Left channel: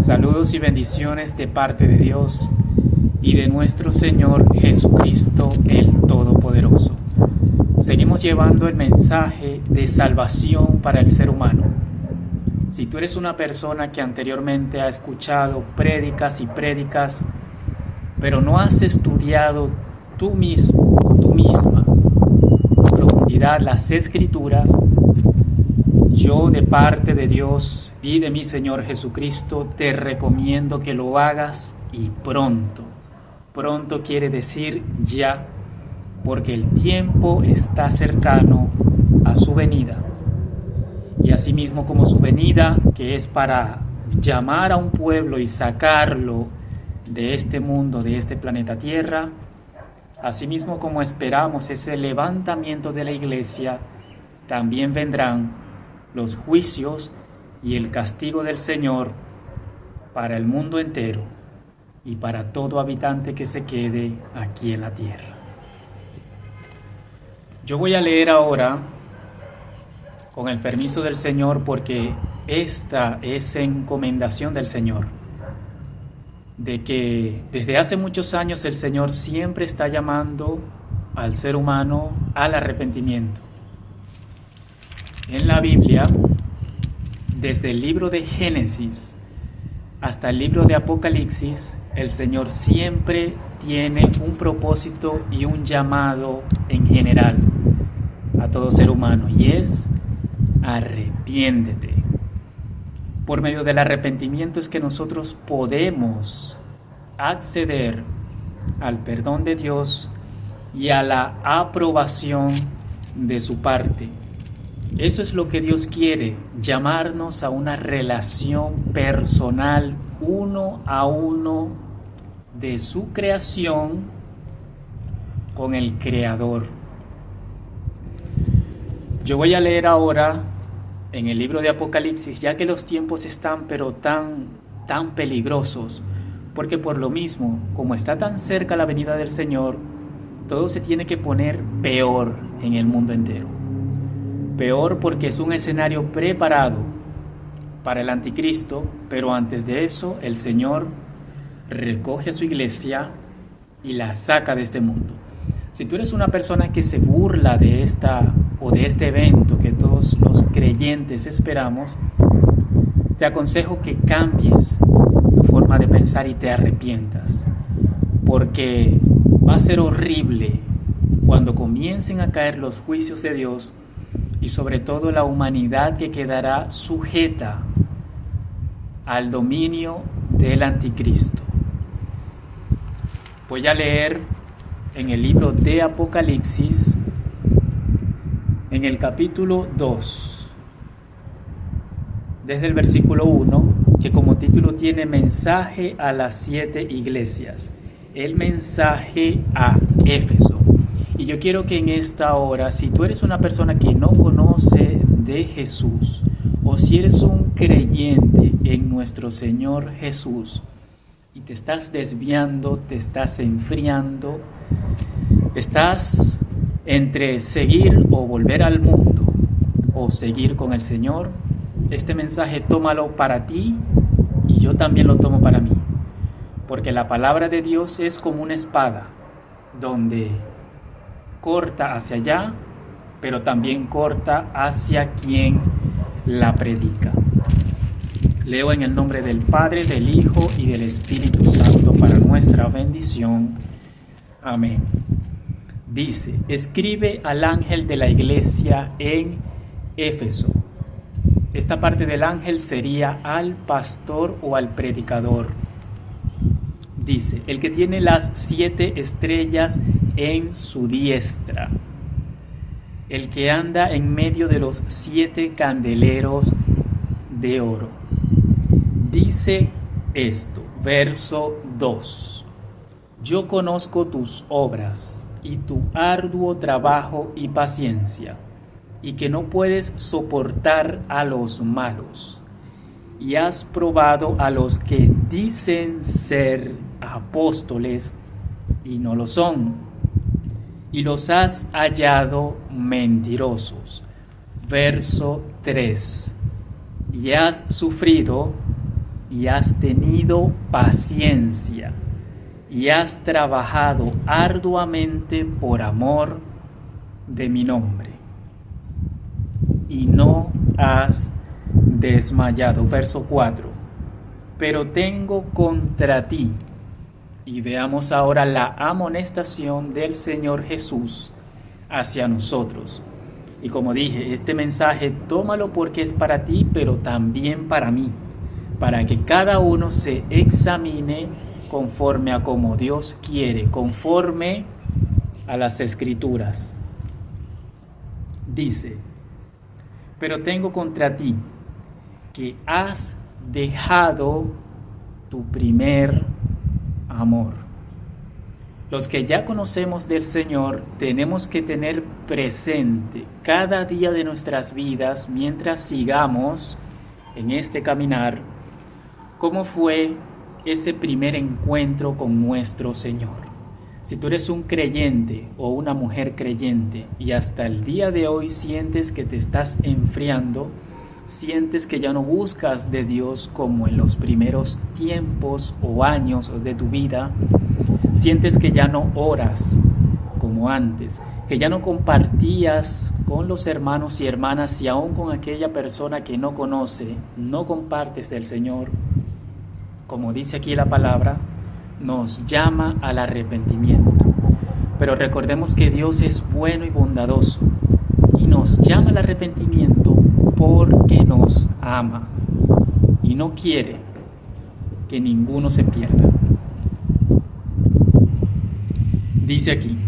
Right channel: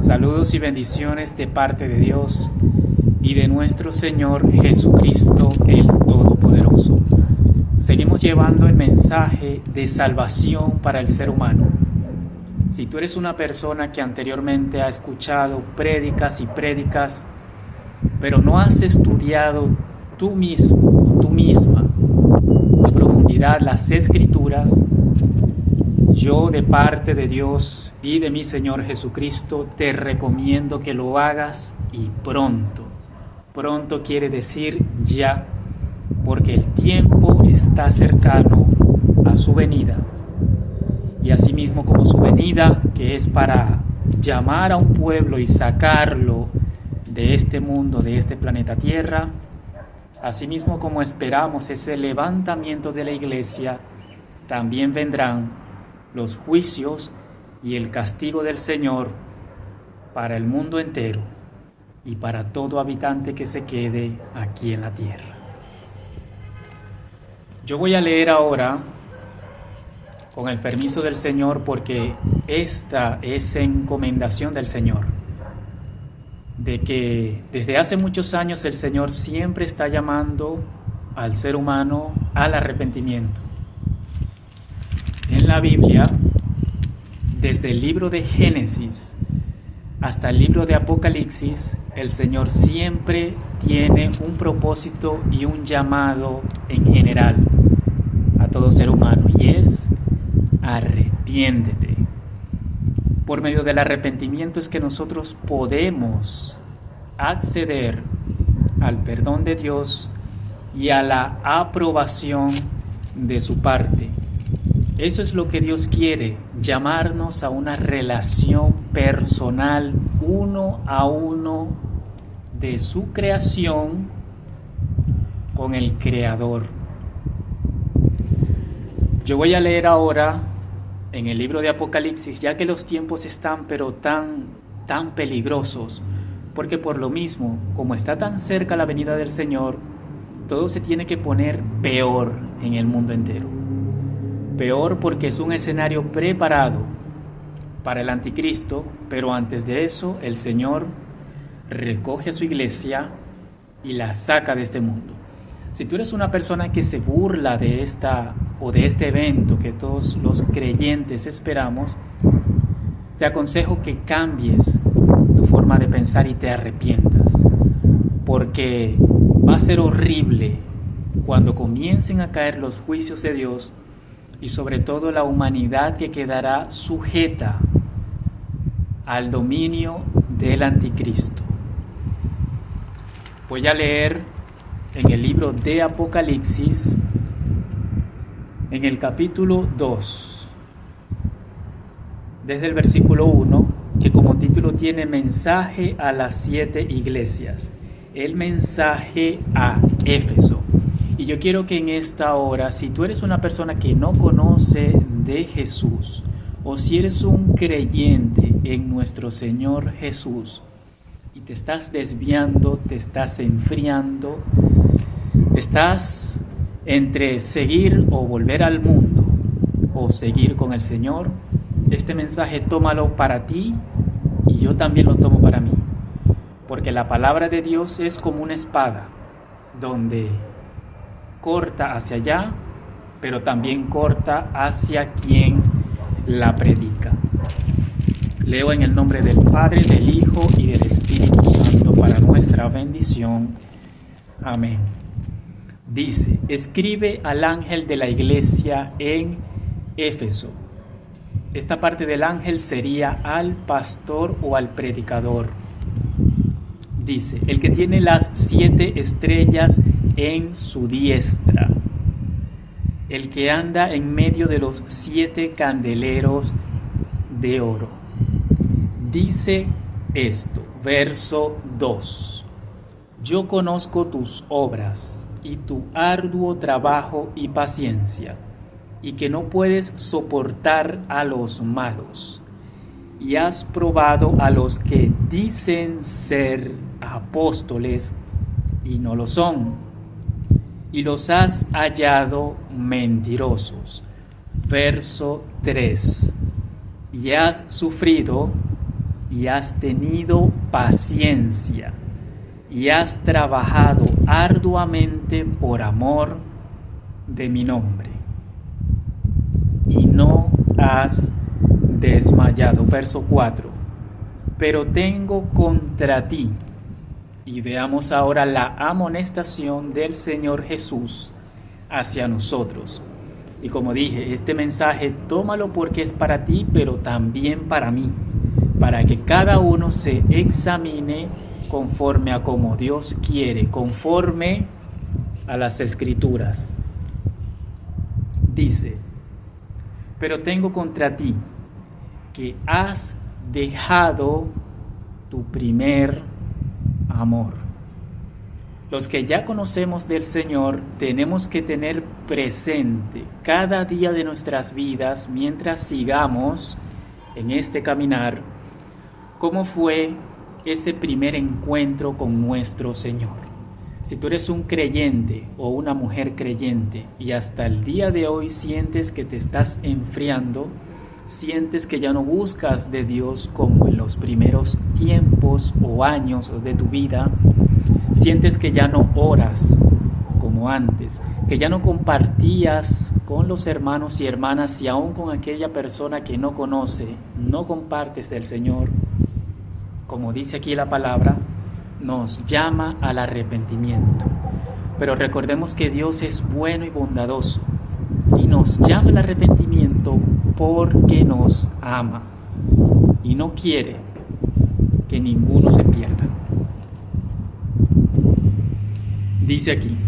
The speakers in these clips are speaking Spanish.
Saludos y bendiciones de parte de Dios y de nuestro Señor Jesucristo el Todopoderoso. Seguimos llevando el mensaje de salvación para el ser humano. Si tú eres una persona que anteriormente ha escuchado prédicas y prédicas, pero no has estudiado tú mismo o tú misma en profundidad las Escrituras, yo de parte de Dios y de mi Señor Jesucristo te recomiendo que lo hagas y pronto. Pronto quiere decir ya, porque el tiempo está cercano a su venida. Y asimismo como su venida, que es para llamar a un pueblo y sacarlo de este mundo, de este planeta Tierra, asimismo como esperamos ese levantamiento de la iglesia, también vendrán los juicios y el castigo del Señor para el mundo entero y para todo habitante que se quede aquí en la tierra. Yo voy a leer ahora, con el permiso del Señor, porque esta es encomendación del Señor, de que desde hace muchos años el Señor siempre está llamando al ser humano al arrepentimiento. En la Biblia, desde el libro de Génesis hasta el libro de Apocalipsis, el Señor siempre tiene un propósito y un llamado en general a todo ser humano, y es: arrepiéntete. Por medio del arrepentimiento es que nosotros podemos acceder al perdón de Dios y a la aprobación de su parte. Eso es lo que Dios quiere, llamarnos a una relación personal, uno a uno, de su creación con el Creador. Yo voy a leer ahora en el libro de Apocalipsis, ya que los tiempos están pero tan peligrosos, porque por lo mismo, como está tan cerca la venida del Señor, todo se tiene que poner peor en el mundo entero. Peor porque es un escenario preparado para el anticristo, pero antes de eso el Señor recoge a su iglesia y la saca de este mundo. Si tú eres una persona que se burla de esta o de este evento que todos los creyentes esperamos, te aconsejo que cambies tu forma de pensar y te arrepientas, porque va a ser horrible cuando comiencen a caer los juicios de Dios y sobre todo la humanidad que quedará sujeta al dominio del anticristo. Voy a leer en el libro de Apocalipsis, en el capítulo 2, desde el versículo 1, que como título tiene Mensaje a las 7 iglesias, el mensaje a Éfeso. Y yo quiero que en esta hora, si tú eres una persona que no conoce de Jesús, o si eres un creyente en nuestro Señor Jesús, y te estás desviando, te estás enfriando, estás entre seguir o volver al mundo, o seguir con el Señor, este mensaje tómalo para ti, y yo también lo tomo para mí, porque la palabra de Dios es como una espada, donde corta hacia allá, pero también corta hacia quien la predica. Leo en el nombre del Padre, del Hijo y del Espíritu Santo para nuestra bendición. Amén. Dice: escribe al ángel de la iglesia en Éfeso. Esta parte del ángel sería al pastor o al predicador. Dice: el que tiene las 7 estrellas en su diestra, el que anda en medio de los 7 candeleros de oro. Dice esto, verso 2: yo conozco tus obras y tu arduo trabajo y paciencia, y que no puedes soportar a los malos, y has probado a los que dicen ser apóstoles y no lo son, y los has hallado mentirosos. Verso 3: y has sufrido y has tenido paciencia y has trabajado arduamente por amor de mi nombre y no has desmayado. Verso 4. Pero tengo contra ti, y veamos ahora la amonestación del Señor Jesús hacia nosotros. Y como dije, este mensaje tómalo porque es para ti, pero también para mí, para que cada uno se examine conforme a como Dios quiere, conforme a las Escrituras. Dice: pero tengo contra ti que has dejado tu primer amor. Los que ya conocemos del Señor tenemos que tener presente cada día de nuestras vidas, mientras sigamos en este caminar, cómo fue ese primer encuentro con nuestro Señor. Si tú eres un creyente o una mujer creyente y hasta el día de hoy sientes que te estás enfriando, sientes que ya no buscas de Dios como en los primeros tiempos o años de tu vida, sientes que ya no oras como antes, que ya no compartías con los hermanos y hermanas y aún con aquella persona que no conoce, no compartes del Señor, como dice aquí la palabra, nos llama al arrepentimiento. Pero recordemos que Dios es bueno y bondadoso y nos llama al arrepentimiento porque nos ama y no quiere que ninguno se pierda. Dice aquí,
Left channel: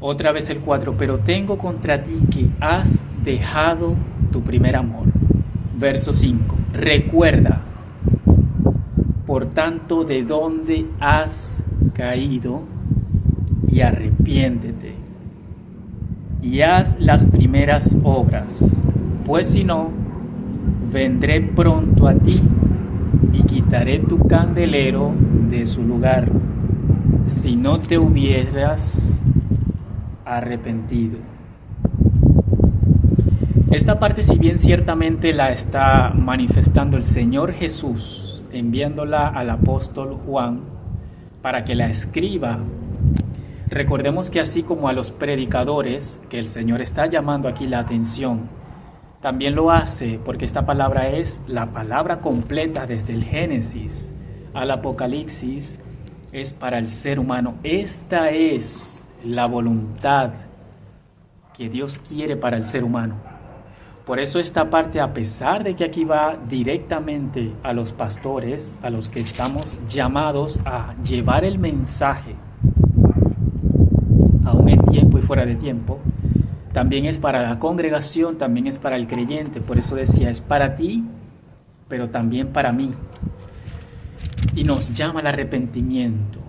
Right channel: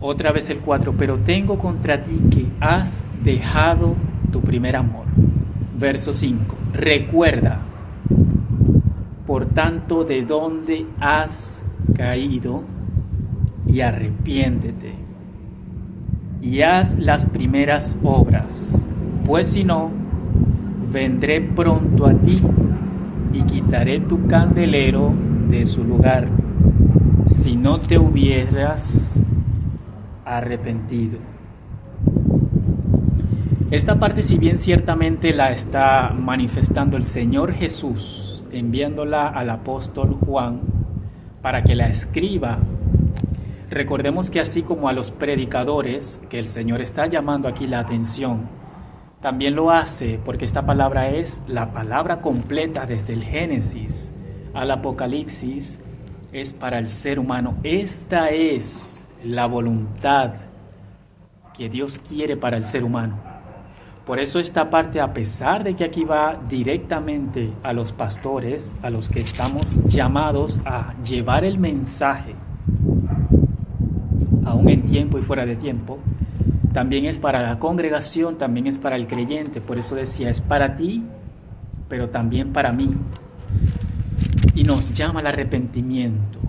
otra vez el 4, pero tengo contra ti que has dejado tu primer amor. Verso 5, recuerda, por tanto, de dónde has caído y arrepiéntete y haz las primeras obras, pues si no, vendré pronto a ti y quitaré tu candelero de su lugar, si no te hubieras arrepentido. Esta parte, si bien ciertamente la está manifestando el Señor Jesús, enviándola al apóstol Juan para que la escriba, recordemos que así como a los predicadores, que el Señor está llamando aquí la atención, también lo hace porque esta palabra es la palabra completa desde el Génesis al Apocalipsis, es para el ser humano. Esta es la voluntad que Dios quiere para el ser humano. Por eso esta parte, a pesar de que aquí va directamente a los pastores, a los que estamos llamados a llevar el mensaje, aún en tiempo y fuera de tiempo, también es para la congregación, también es para el creyente. Por eso decía, es para ti, pero también para mí. Y nos llama al arrepentimiento,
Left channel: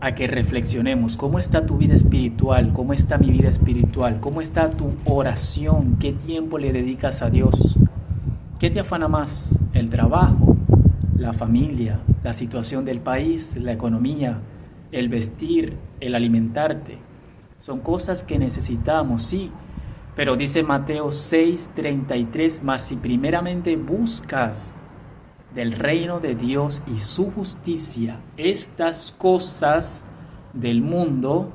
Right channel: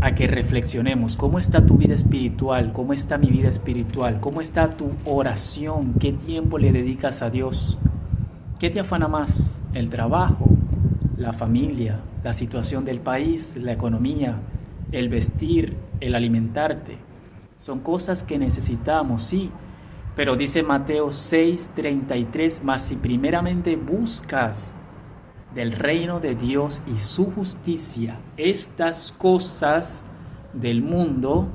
a que reflexionemos cómo está tu vida espiritual, cómo está mi vida espiritual, cómo está tu oración, qué tiempo le dedicas a Dios, qué te afana más, el trabajo, la familia, la situación del país, la economía, el vestir, el alimentarte. Son cosas que necesitamos, sí, pero dice Mateo 6:33, mas si primeramente buscas del reino de Dios y su justicia, estas cosas del mundo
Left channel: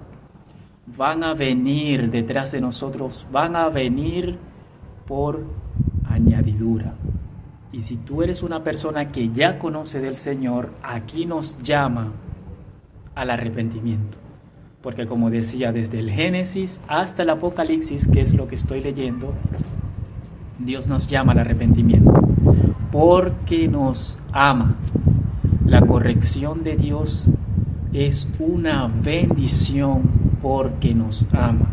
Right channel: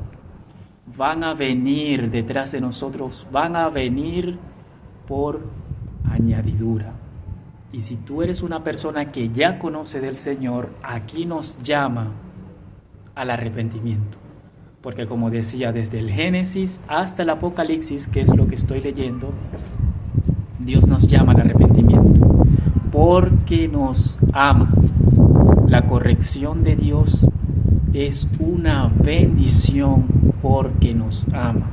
van a venir detrás de nosotros, van a venir por añadidura. Y si tú eres una persona que ya conoce del Señor, aquí nos llama al arrepentimiento. Porque como decía, desde el Génesis hasta el Apocalipsis, que es lo que estoy leyendo, Dios nos llama al arrepentimiento. Porque nos ama. La corrección de Dios es una bendición porque nos ama.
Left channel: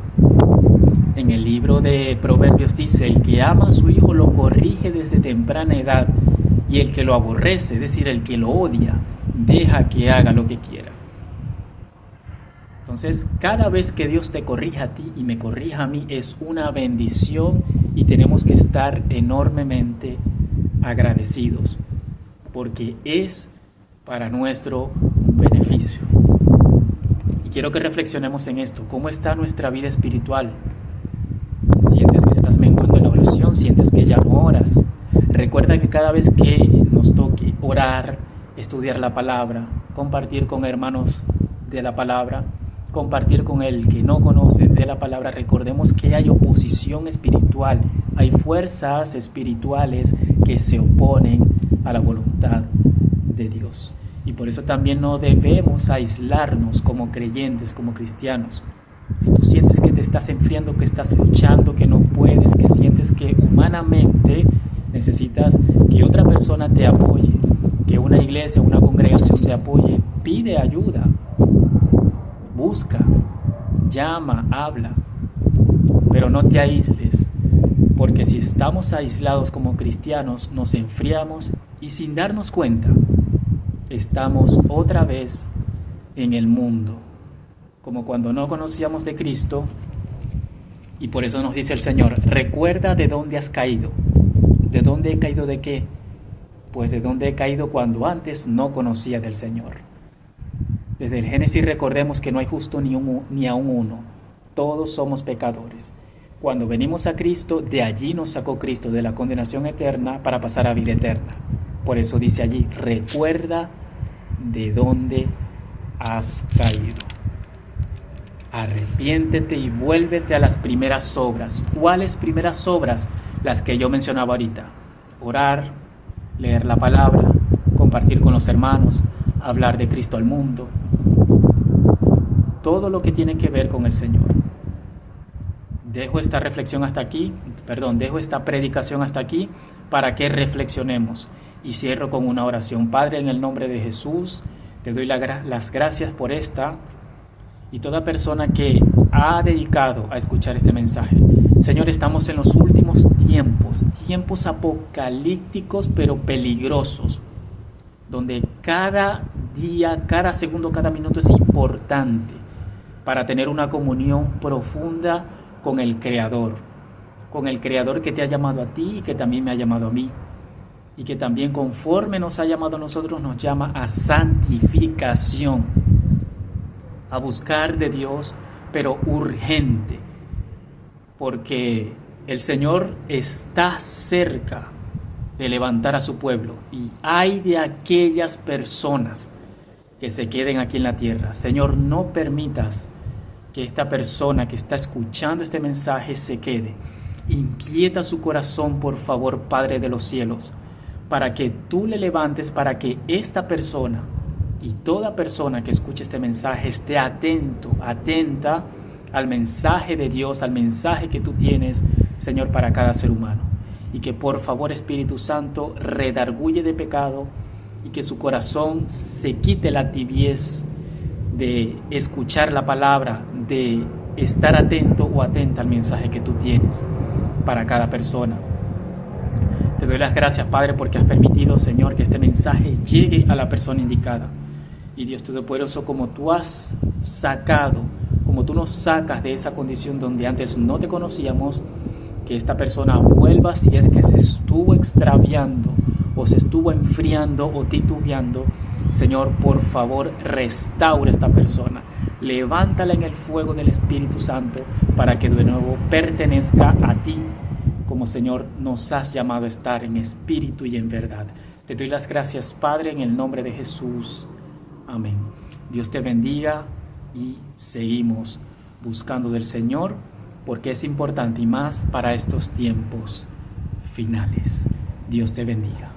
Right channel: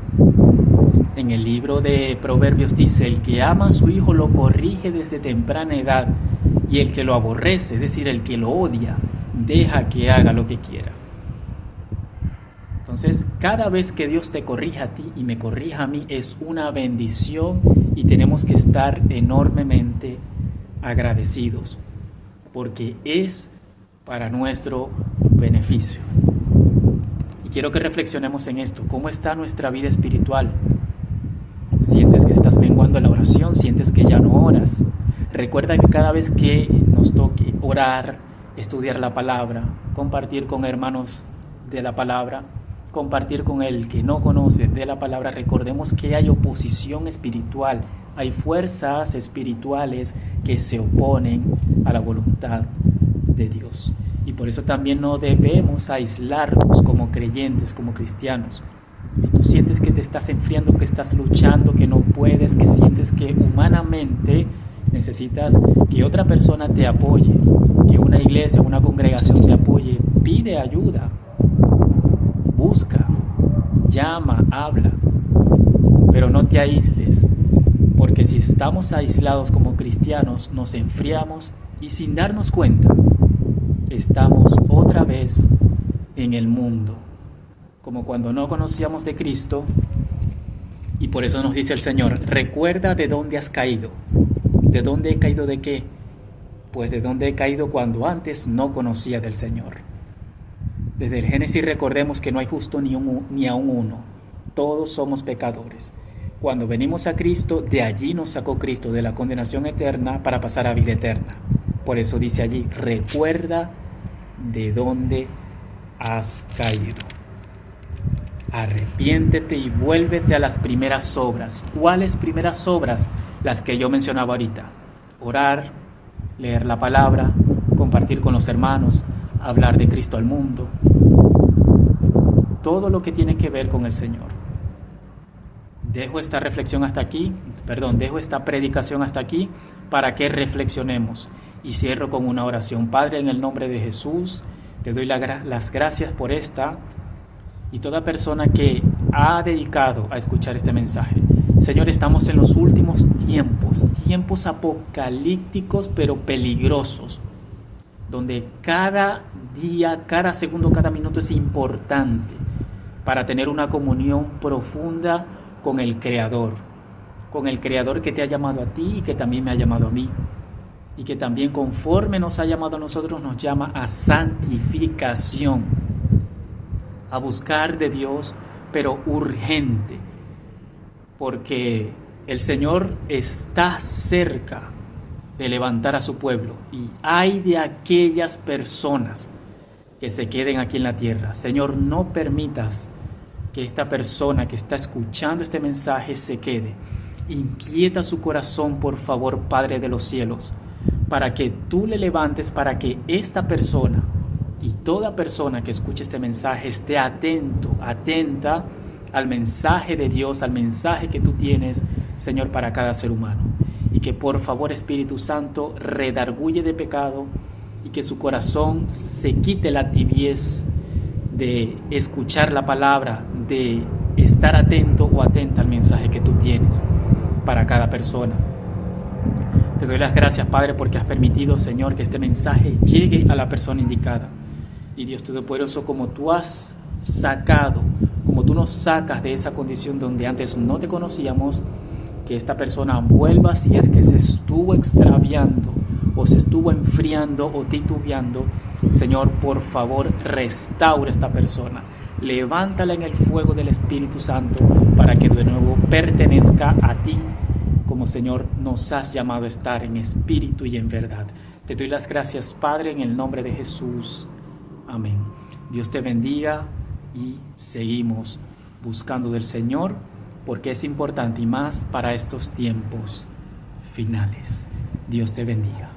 En el libro de Proverbios dice, el que ama a su hijo lo corrige desde temprana edad, y el que lo aborrece, es decir, el que lo odia, deja que haga lo que quiera. Entonces, cada vez que Dios te corrija a ti y me corrija a mí, es una bendición y tenemos que estar enormemente agradecidos, porque es para nuestro beneficio. Y quiero que reflexionemos en esto. ¿Cómo está nuestra vida espiritual? ¿Sientes que estás menguando en la oración? ¿Sientes que ya no oras? Recuerda que cada vez que nos toca orar, estudiar la palabra, compartir con hermanos de la palabra, compartir con el que no conoce de la palabra. Recordemos que hay oposición espiritual, hay fuerzas espirituales que se oponen a la voluntad de Dios. Y por eso también no debemos aislarnos como creyentes, como cristianos. Si tú sientes que te estás enfriando, que estás luchando, que no puedes, que sientes que humanamente necesitas que otra persona te apoye, que una iglesia, una congregación te apoye, pide ayuda, busca, llama, habla, pero no te aísles, porque si estamos aislados como cristianos, nos enfriamos y sin darnos cuenta, estamos otra vez en el mundo, como cuando no conocíamos de Cristo. Y por eso nos dice el Señor: recuerda de dónde has caído. ¿De dónde he caído de qué? Pues de dónde he caído cuando antes no conocía del Señor. Desde el Génesis recordemos que no hay justo ni aun uno. Todos somos pecadores. Cuando venimos a Cristo, de allí nos sacó Cristo de la condenación eterna para pasar a vida eterna. Por eso dice allí: recuerda de dónde has caído. Arrepiéntete y vuélvete a las primeras obras. ¿Cuáles primeras obras? Las que yo mencionaba ahorita: orar, leer la palabra, compartir con los hermanos, hablar de Cristo al mundo. Todo lo que tiene que ver con el Señor. Dejo esta predicación hasta aquí para que reflexionemos. Y cierro con una oración. Padre, en el nombre de Jesús, te doy las gracias por esta y toda persona que ha dedicado a escuchar este mensaje. Señor, estamos en los últimos tiempos apocalípticos pero peligrosos, donde cada día, cada segundo, cada minuto es importante para tener una comunión profunda con el Creador que te ha llamado a ti y que también me ha llamado a mí, y que también, conforme nos ha llamado a nosotros, nos llama a santificación, a buscar de Dios, pero urgente, porque el Señor está cerca de levantar a su pueblo, y ay de aquellas personas que se queden aquí en la tierra. Señor, no permitas que esta persona que está escuchando este mensaje se quede. Inquieta su corazón, por favor, Padre de los cielos, para que tú le levantes, para que esta persona y toda persona que escuche este mensaje esté atenta al mensaje de Dios, al mensaje que tú tienes, Señor, para cada ser humano. Y que por favor, Espíritu Santo, redarguye de pecado y que su corazón se quite la tibiez de escuchar la palabra, de estar atento o atenta al mensaje que tú tienes para cada persona. Te doy las gracias, Padre, porque has permitido, Señor, que este mensaje llegue a la persona indicada. Y Dios Todopoderoso, como tú nos sacas de esa condición donde antes no te conocíamos, que esta persona vuelva si es que se estuvo extraviando o se estuvo enfriando o titubeando. Señor, por favor, restaura esta persona. Levántala en el fuego del Espíritu Santo para que de nuevo pertenezca a ti, como Señor nos has llamado a estar en espíritu y en verdad. Te doy las gracias, Padre, en el nombre de Jesús. Amén. Dios te bendiga y seguimos buscando del Señor, porque es importante y más para estos tiempos finales. Dios te bendiga.